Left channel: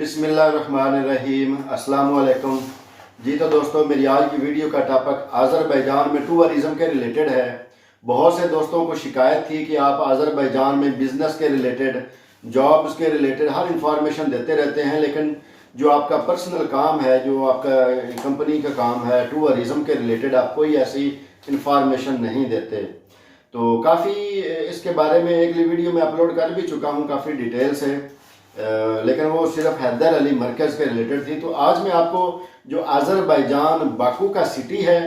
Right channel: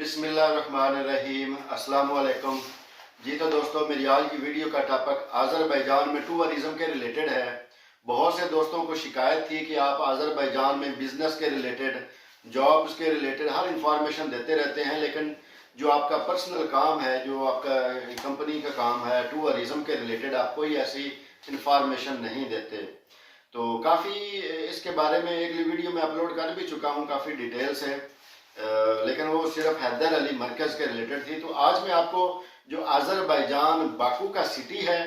बिस्मिल्लाहिर्रहमानिर्रहीम अस्सलाम वालेकुम जी। तो दोस्तों, मेरी आज की वीडियो का टॉपिक आज़रबाईजान में टूरिज़म के रिलेटेड है। बहुत से दोस्तों को शिकायत थी कि आप आज़रबाईजान में बिज़नेस के रिलेटेड, जॉब्स के रिलेटेड हर इंफॉर्मेशन देते रहते हैं, लेकिन जो आपका पर्सनल काम है, जो आपका कंपनी का काम है, टूरिज़म के रिलेटेड आप कोई ऐसी इंफॉर्मेशन नहीं देते। तो काफ़ी इसके बारे में एक वीडियो में अपलोड कर भी चुका हूँ काफ़ी डिटेल से, लेकिन वो सिर्फ हैदर अली मरकज़ के रिलेटेड थी। तो आज मैं आपको जो आज़रबाईजान बाकू का सिटी है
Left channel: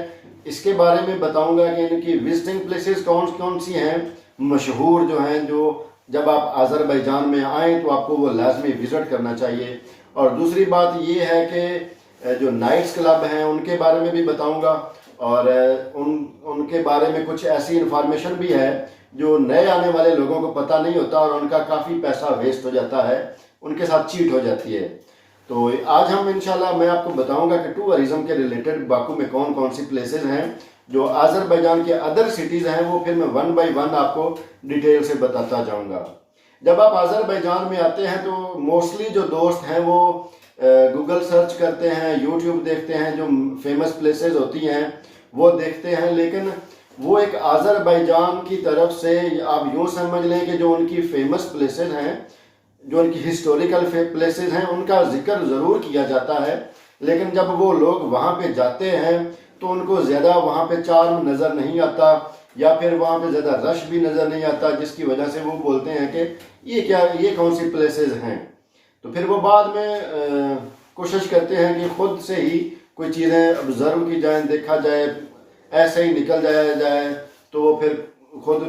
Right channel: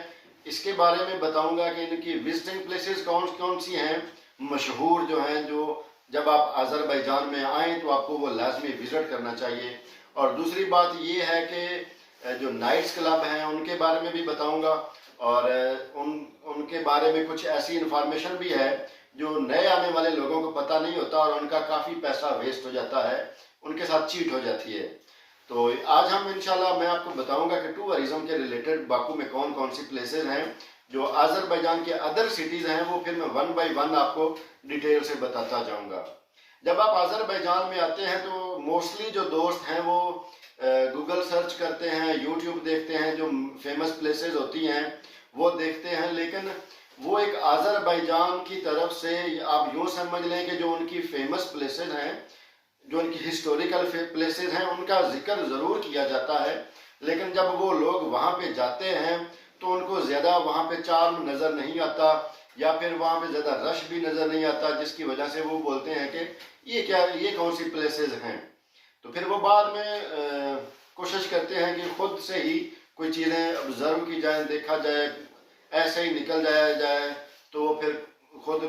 इसके बारे में बताऊंगा कि इनकी विजिटिंग प्लेसेस कौन कौन सी हैं, मशहूर जो हैं, जो जब आप आज़रबाईजान में आएँ तो आपको वो लाजमी विज़िट करना चाहिए। और दूसरी बात ये है कि जो नाइट्स क्लब हैं उनके बारे में भी बताऊँगा, और उनके बारे में कुछ ऐसी इंफॉर्मेशन भी है जो नए आने वाले लोगों को पता नहीं होता और उनका काफ़ी पैसा वेस्ट हो जाता है, उनके साथ चीट हो जाती है। तो आज हम इंशाल्लाह मैं आपको बताऊंगा कि टूरिज़म के रिलेटेड बाकू में कौन कौन सी प्लेसेस हैं जो आज़रबाईजान के अदर सिटीज़ हैं, वो फिर मैं वन बाय वन आपको डिटेल से बताता जाऊंगा। जब आप आज़रबाईजान में आते हैं तो मोस्टली जो दोस्त हैं वो गूगल सर्च करते हैं, यूट्यूब देखते हैं, जो फेमस प्लेसेस होती हैं वो देखते हैं, लेकिन वो एक आज़रबाईजान की तरफ से आप यूँ समझ लें कि जो उनकी फेमस प्लेसेस हैं, जो उनकी हिस्टोरिकल प्लेसेस हैं, उनका जिक्र ज़रूर किया जाता है, लेकिन जब वो लोग वहाँ पे जाते हैं तो उनको ज़्यादा वहाँ पे चार्म नज़र नहीं आता, या फिर वहाँ पे ज़्यादा रश भी नज़र नहीं आता, जिसकी वजह से वो बोलते हैं कि ये कौन सी प्लेसेस हैं। तो फिर वो बाद में कोशिश करते हैं कि खुद से ही कोई चीज़ें ऑब्ज़र्व की जाएँ, देखा जाए, ऐसे ही निकल जाया जाए, तो फिर खुद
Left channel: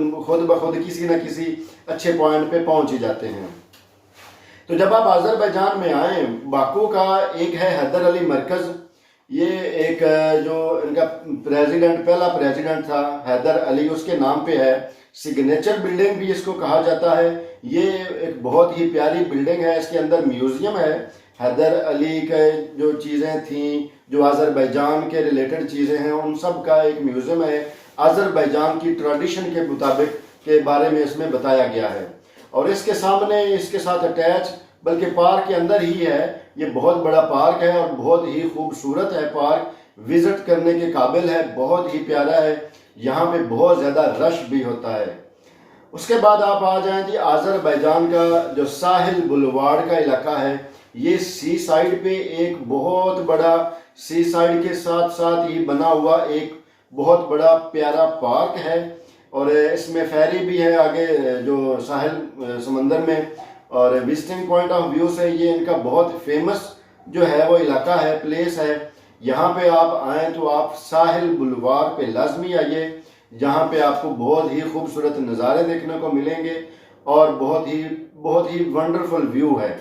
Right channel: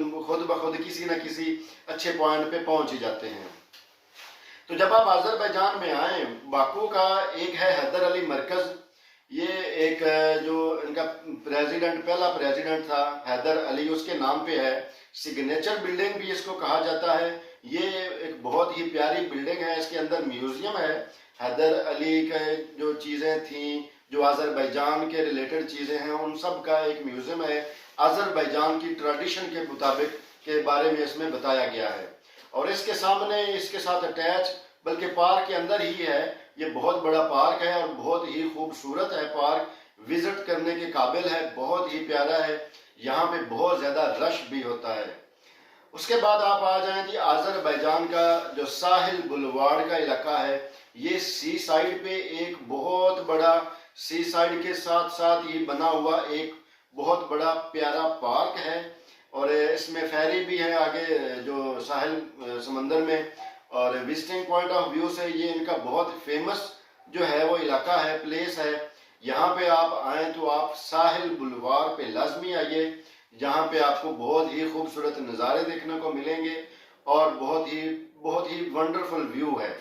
ब खुद किसी न किसी अच्छे पॉइंट पे पहुंच ही जाते हैं। तो जब आप आज़रबाईजान में आए, बाकू का एक है हैदर अली मरकज़। ये एक जो इनका प्रेसिडेंट, पहला प्रेसिडेंट था हैदर अली, उसके नाम पे है। सिग्नेचर बिल्डिंग भी इसको कहा जाता है। ये एक बहुत ही प्यारी बिल्डिंग है, इसके अंदर म्यूज़ियम है। हैदर अली के जो चीज़ें थीं, जो आज़रबाईजान के रिलेटेड चीज़ें हैं, उन सब का एक म्यूज़ियम है। आज़रबाईजान की ट्रेडिशन के मुताबिक के बारे में इसमें बताया गया है। और इसके सामने, इसके साथ अटैच, बल्कि पार्क के अंदर ही है, ये बहुत बड़ा पार्क है और बहुत ही खूबसूरत है पार्क, विज़िट करने के काबिल है, बहुत ही प्यारा है। यहाँ पे बहुत ज़्यादा रश भी होता है। उसके बाद आप आ जाएं जी, आज़रबाईजान का जो साहिल बुलवार्ड का इलाका है, ये सी साइड पे एक बहुत बड़ा, सी साइड के साथ साथ ही बना हुआ एक बहुत बड़ा प्यारा पार्क है। और इसमें फेरी भी है आगे जो साहिल समंदर में, और विजिटिंग पॉइंट ऑफ व्यू से ये इनका बहुत फेमस जो है वो इलाका है, प्लेस है। यहाँ पे आप आएँ तो आप साहिल बुलवार पे लाजमी आइए, जहाँ पे आपको बहुत ही खूबसूरत नज़ारे देखने को मिलेंगे और बहुत ही वंडरफुल व्यू है।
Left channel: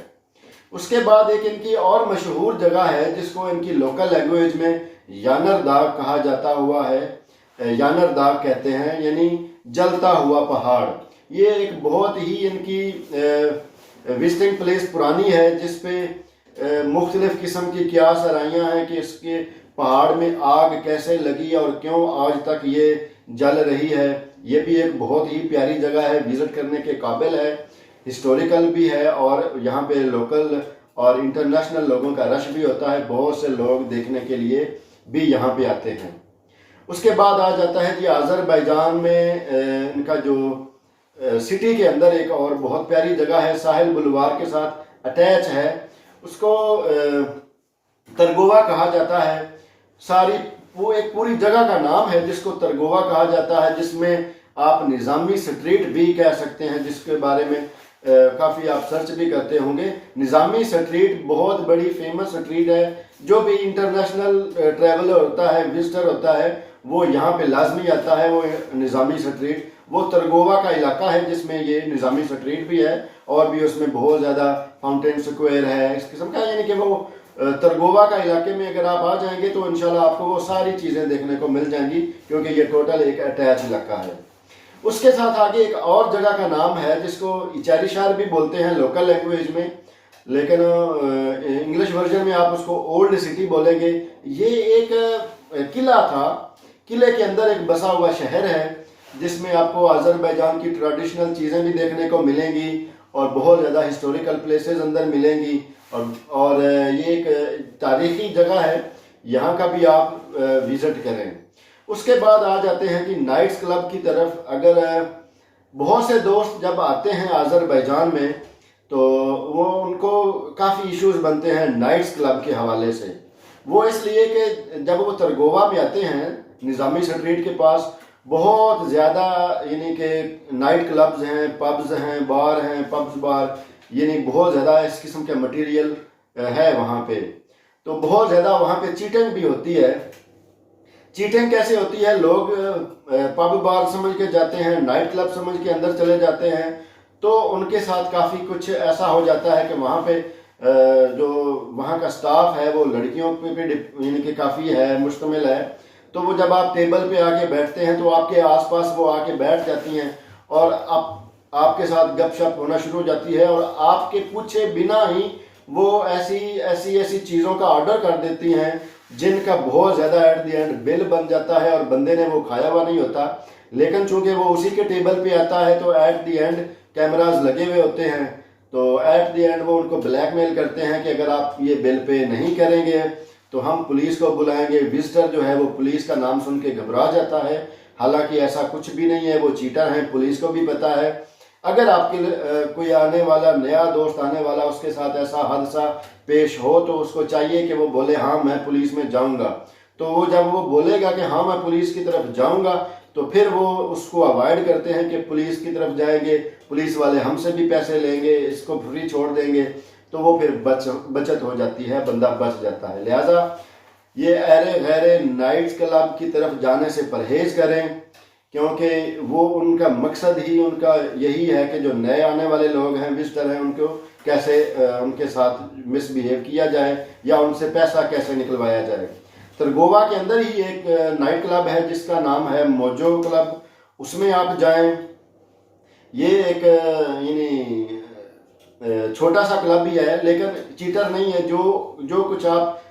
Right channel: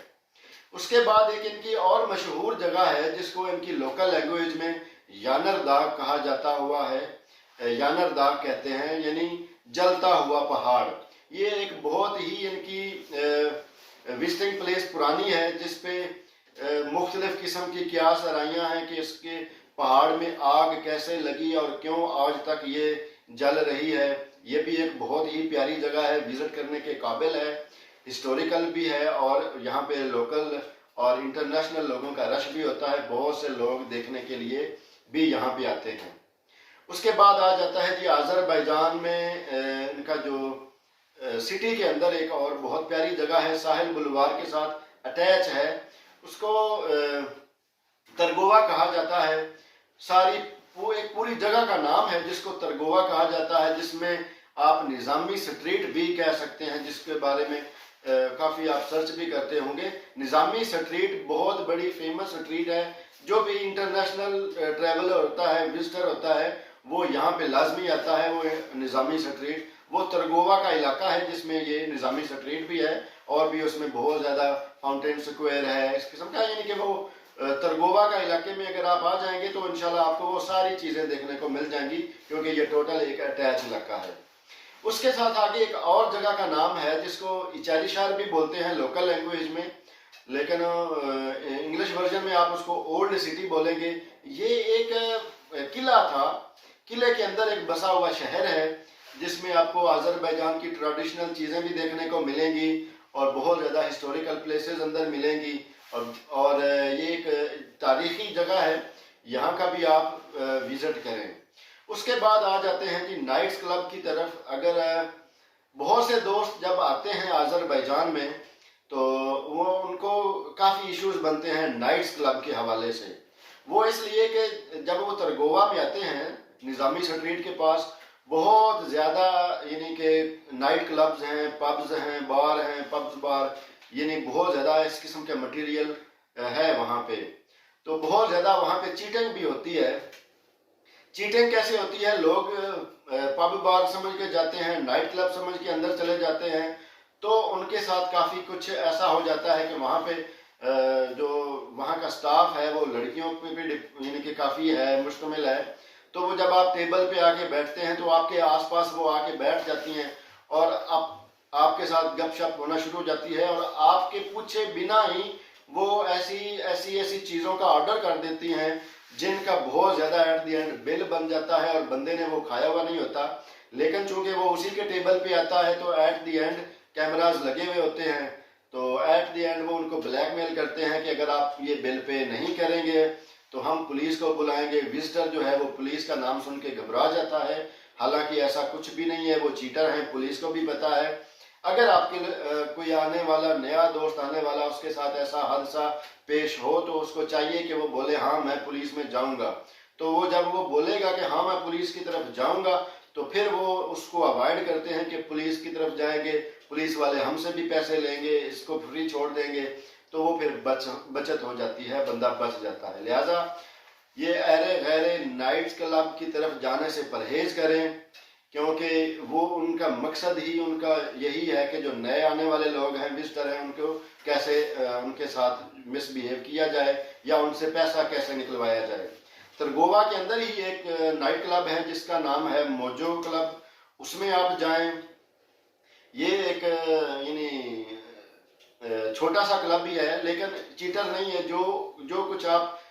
उसके बाद एक इनकी और मशहूर जगह है जिसको इनकी लोकल लैंग्वेज में यानर दाग कहा जाता हुआ है, यानर दाग कहते हैं, यानी जलता हुआ पहाड़। ये एक बहुत ही इनकी विजिटिंग प्लेस पुरानी है, जिसपे मुख्तलिफ किस्म की क्या सराइयाँ हैं कि इसके पहाड़ में आग कैसे लगी और क्यों आज तक ये जल रही है। ये भी एक बहुत ही प्यारी जगह है, विज़िट करने के काबिल है, हिस्टोरिकल भी है, और यहाँ पे लोकल और इंटरनेशनल लोगों का रश भी होता है। बहुत से लोग देखने के लिए भी यहाँ पे आते हैं। उसके बाद आ जाता है जी, आज़रबाईजान में इनका जो सिटी के अंदर एक और बहुत प्यारी जगह है, साहिल बुलवार के साथ अटैच है, उसको तरगोवा कहा जाता है। वो एक पूरी जगह का नाम है जिसको तरगोवा कहा जाता है, जिसमें आप निज़ामी स्ट्रीट भी कह सकते हैं, जिसके बारे में काफ़ी आप सर्च भी करते होंगे। निज़ामी स्ट्रीट बहुत बड़ी फेमस स्ट्रीट है, जो भी इंटरनेशनल ट्रैवलर होता है, विजिटर होता है, वो यहाँ पे लाजमी आता है। वो निज़ामी स्ट्रीट, वो तरगोवा का इलाका है जिसमें ये निज़ामी स्ट्रीट भी है, और भी उसमें बहुत ज़्यादा फाउंटेन स्क्वायर है इस किस्म का। यानी कि वो तरगोवा का इलाके में अगर आप आ जाएंगे तो इंशाल्लाह आपको वो सारी चीज़ें देखने को मिल जाएंगी, क्योंकि ये टोटल एक अटैच इलाका है। उसके साथ आगे एक और जगह का नाम है जिसको इचारी शहर भी बोलते हैं लोकल लैंग्वेज में, लेकिन इंग्लिश वर्जन में आप उसको ओल्ड सिटी बोलेंगे। ये एक किला था, किले के अंदर एक बसा हुआ शहर है, जिसमें आपको आज़रबाईजान की ट्रेडिशनल चीज़ें भी देखने को मिलेंगी, और बहुत ज़्यादा हिस्टोरिकल प्लेसेस अंदर मिलेंगी। और ये एक तारीख़ी जगह है, यहाँ का भी आप विज़िट करें। उसके बाद आ जाते हैं कि नाइट्स क्लब की तरफ। अगर बहुत से दोस्त जब आते हैं आज़रबैजान में तो वो उनको काफ़ी इश्यूज बनते हैं नाइट्स क्लब के हवाले से। वो इसलिए कि जब वो तरगोवा में आते हैं निज़ामी स्ट्रीट के पास बहुत ज़्यादा यानी कि नाइट क्लब्स हैं, पब्स हैं, बार हैं, पब्स बार, यानी बहुत ज़्यादा इस किस्म के मटेरियल है वहाँ पे। तो बहुत ज़्यादा वहाँ पे चीटिंग भी होती है। चीटिंग कैसे होती है? लोग पब बार समझ के जाते हैं, नाइट क्लब समझ के अंदर चले जाते हैं, तो उनके साथ काफ़ी कुछ ऐसा हो जाता है कि वहाँ पे जो वहाँ का स्टाफ है वो लड़कियों पे भी यानी कि काफ़ी है, मुश्तमिल है। तो वो जब आप टेबल पे आके बैठते हैं तो आपके आसपास वो आके बैठ जाती हैं और आपके साथ गपशप होना शुरू हो जाती है और आपके पूछे बिना ही वो ऐसी चीज़ों का ऑर्डर कर देती हैं जिनका बहुत ज़्यादा एट द एंड बिल बन जाता है और बंदे ने वो खाया हुआ नहीं होता। लेकिन चूंकि वो उसी के टेबल पे आता है तो एट द एंड कैमराज लगे हुए होते हैं, तो एट द एंड वो उनको ब्लैकमेल करते हैं कि अगर आप ये बिल पे नहीं करेंगे तो हम पुलिस को बुलाएंगे। विजिटर जो है वो पुलिस का नाम सुन के घबरा जाता है, हालांकि ऐसा कुछ भी नहीं है, वो चीटर हैं, पुलिस को भी पता है। अगर आपके कोई आने वाला नया दोस्त आने वाला उसके साथ ऐसा हादसा पेश हो तो उसको चाहिए कि वो बोले हाँ मैं पुलिस में जाऊंगा। तो वो जब वो बोलेगा कि हाँ मैं पुलिस की तरफ जाऊंगा तो फिर वो उसको अवॉइड करते हैं कि पुलिस की तरफ जाएंगे, पुलिस वाले हमसे भी पैसे लेंगे, इसको फ्री छोड़ देंगे, तो वो फिर बचत हो जाती है, बंदा बच जाता है। लिहाजा ये अरे गैरे नाइट्स क्लब की तरफ जाने से परहेज करें, क्योंकि वो उनका मकसद ही उनका यही है कि जो नए आने वाले लोग हैं, विजिटर हैं, उनको कैसे उनके साथ मिसबिहेव किया जाए या उनसे पैसा कैसे निकलवाया जाए। तरगोवा के अंदर ही एक नाइट क्लब है जिसका नाम है मोजो क्लब, उसमें आप जाएं। ये एक यानी छोटा सा क्लब ही है लेकिन चीटर नहीं है। जो कुछ आप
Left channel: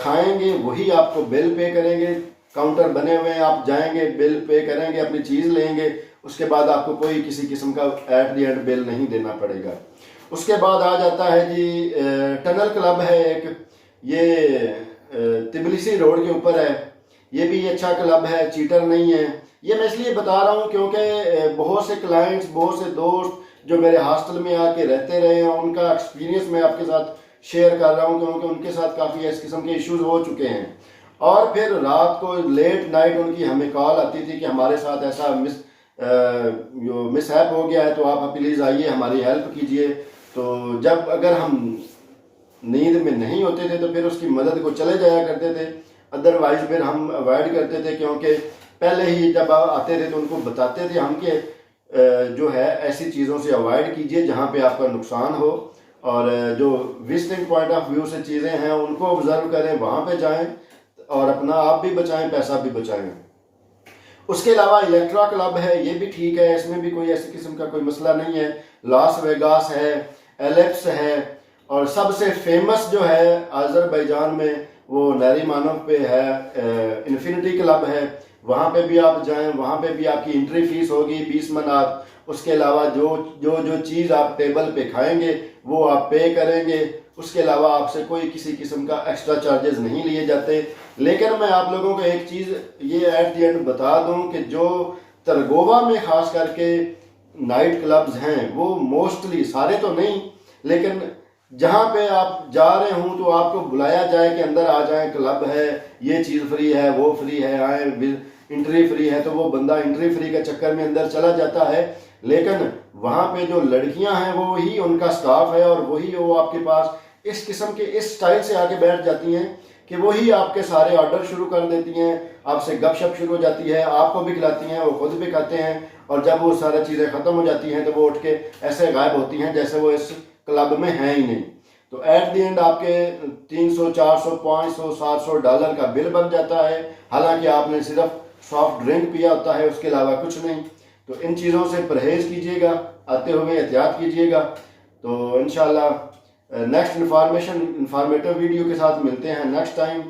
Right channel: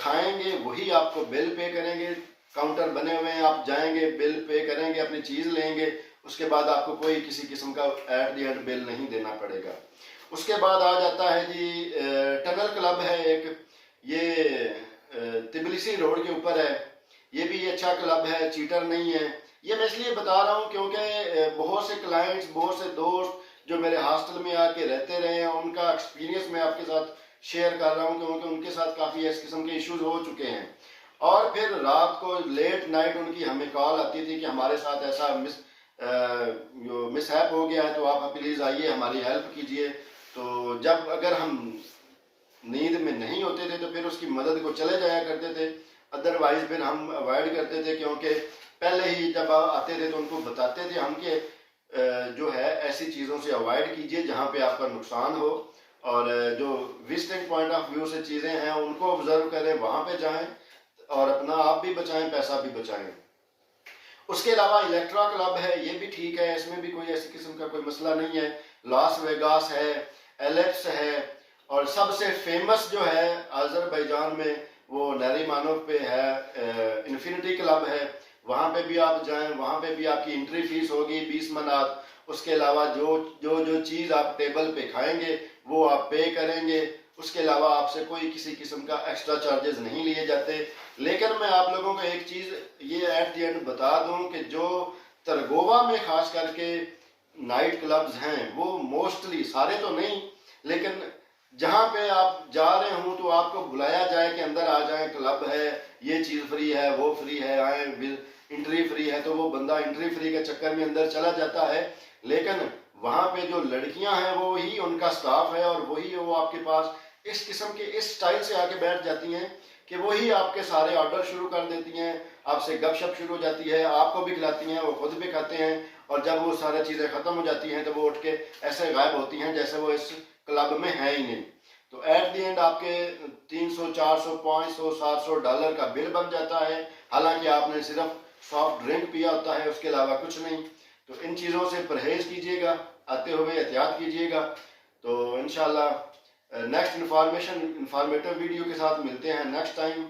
खाएंगे वही आपको बिल पे करेंगे। काउंटर बने हुए हैं, आप जाएंगे, बिल पे करेंगे, अपनी चीज़ लेंगे, उसके बाद आपको कोई किसी किस्म का एट द एंड बिल नहीं देना पड़ेगा। उसके बाद आ जाता है जी टनल क्लब है एक, ये तिबलिसी रोड के ऊपर है। ये भी अच्छा क्लब है, चीटर नहीं है। ये मैं इसलिए बता रहा हूँ क्योंकि बहुत से क्लाइंट्स, बहुत से दोस्त जो मेरे हॉस्टल में आके रहते रहे हैं उनका एक्सपीरियंस मैं आपके साथ शेयर कर रहा हूँ, क्योंकि उनके साथ काफ़ी इस किस्म के इश्यूज हो चुके हैं। और फिर रात को लेट नाइट उनकी हमें कॉल आती थी कि हमारे साथ ऐसा मिसहैप हो गया है, तो आप प्लीज़ आइए हमारी हेल्प कीजिए। तो जब अगर हम नींद में नहीं होते थे तो फिर उसकी मदद को चले जाया करते थे, अदरवाइज फिर हम अवॉइड करते थे, क्योंकि पहले ही जब आते थे तो उनको बताते थे हम कि जो है ऐसी चीज़ों से अवॉइड कीजिए जहाँ पे आपका नुकसान हो, और जो विजिटिंग पॉइंट ऑफ व्यू से चीज़ें हैं उनको ऑब्जर्व करें, वहाँ पे जाएं और अपना आप भी बचाएं, पैसा भी बचाएं। उसके अलावा इलेक्ट्रा क्लब है, ये भी ठीक है, इसमें भी कोई ऐसी किस्म का कोई मसला नहीं है। लास वेगास है, एलेप्स है, और सबसे फेमस जो है आज़रबैजान में वो नरीमानोव पे है, इन्फिनिटी क्लब है। वहाँ पे भी आप जाएं, वहाँ पे भी आपकी एंट्री फीस होगी 20 मनात। उसके अलावा जो चीज़ आप टेबल पे खाएंगे वो आप पे करेंगे, उसके अलावा आपसे कोई किसी किस्म का एक्स्ट्रा चार्जेस नहीं लिए जाते। लेकिन मैं आप लोगों को एक चीज़ ये एट द एंड बता दूं कि जो तरगोवा में ख़ास करके नाइट क्लब्स हैं वो मोस्टली, सारे तो नहीं, लेकिन जहाँ पे आप जा रहे हों तो आपको बुलाया जाए कि अंदर आ जाएं, क्लब है, ये चीज़ फ्री है, वो फ्री है, आए, एंट्री फ्री है, तो वो बंदा एंट्री फ्री के चक्कर में अंदर चला जाता है। लेकिन वहाँ पे जो लड़कियाँ हैं वो ही उनका स्टाफ है और वही वो आपके पास इस किस्म के इस स्टाइल से आके बैठ जाती हैं कि वही आपके सारे ऑर्डर शुरू कर देती हैं, आपसे गपशप शुरू हो जाती है, आपको भी खिलाती हैं, वो खुद भी खाते हैं, और जब वो सारी चीज़ें ख़त्म हो जाती हैं तो वो उठ के ऐसे गायब होती हैं जैसे वो इस क्लब में है ही नहीं। तो एट द एंड आपके 300, 400, 500, 700 डॉलर का बिल बन जाता है, हालांकि आपने सिर्फ सॉफ्ट ड्रिंक पिया होता है, उसके अलावा कुछ नहीं। तो इन चीज़ों से परहेज़ कीजिएगा, आते हुए एहतियात कीजिएगा। तो इंशाल्लाह नेक्स्ट इंफॉर्मेटिव वीडियो के साथ मिलते हैं नेक्स्ट टाइम।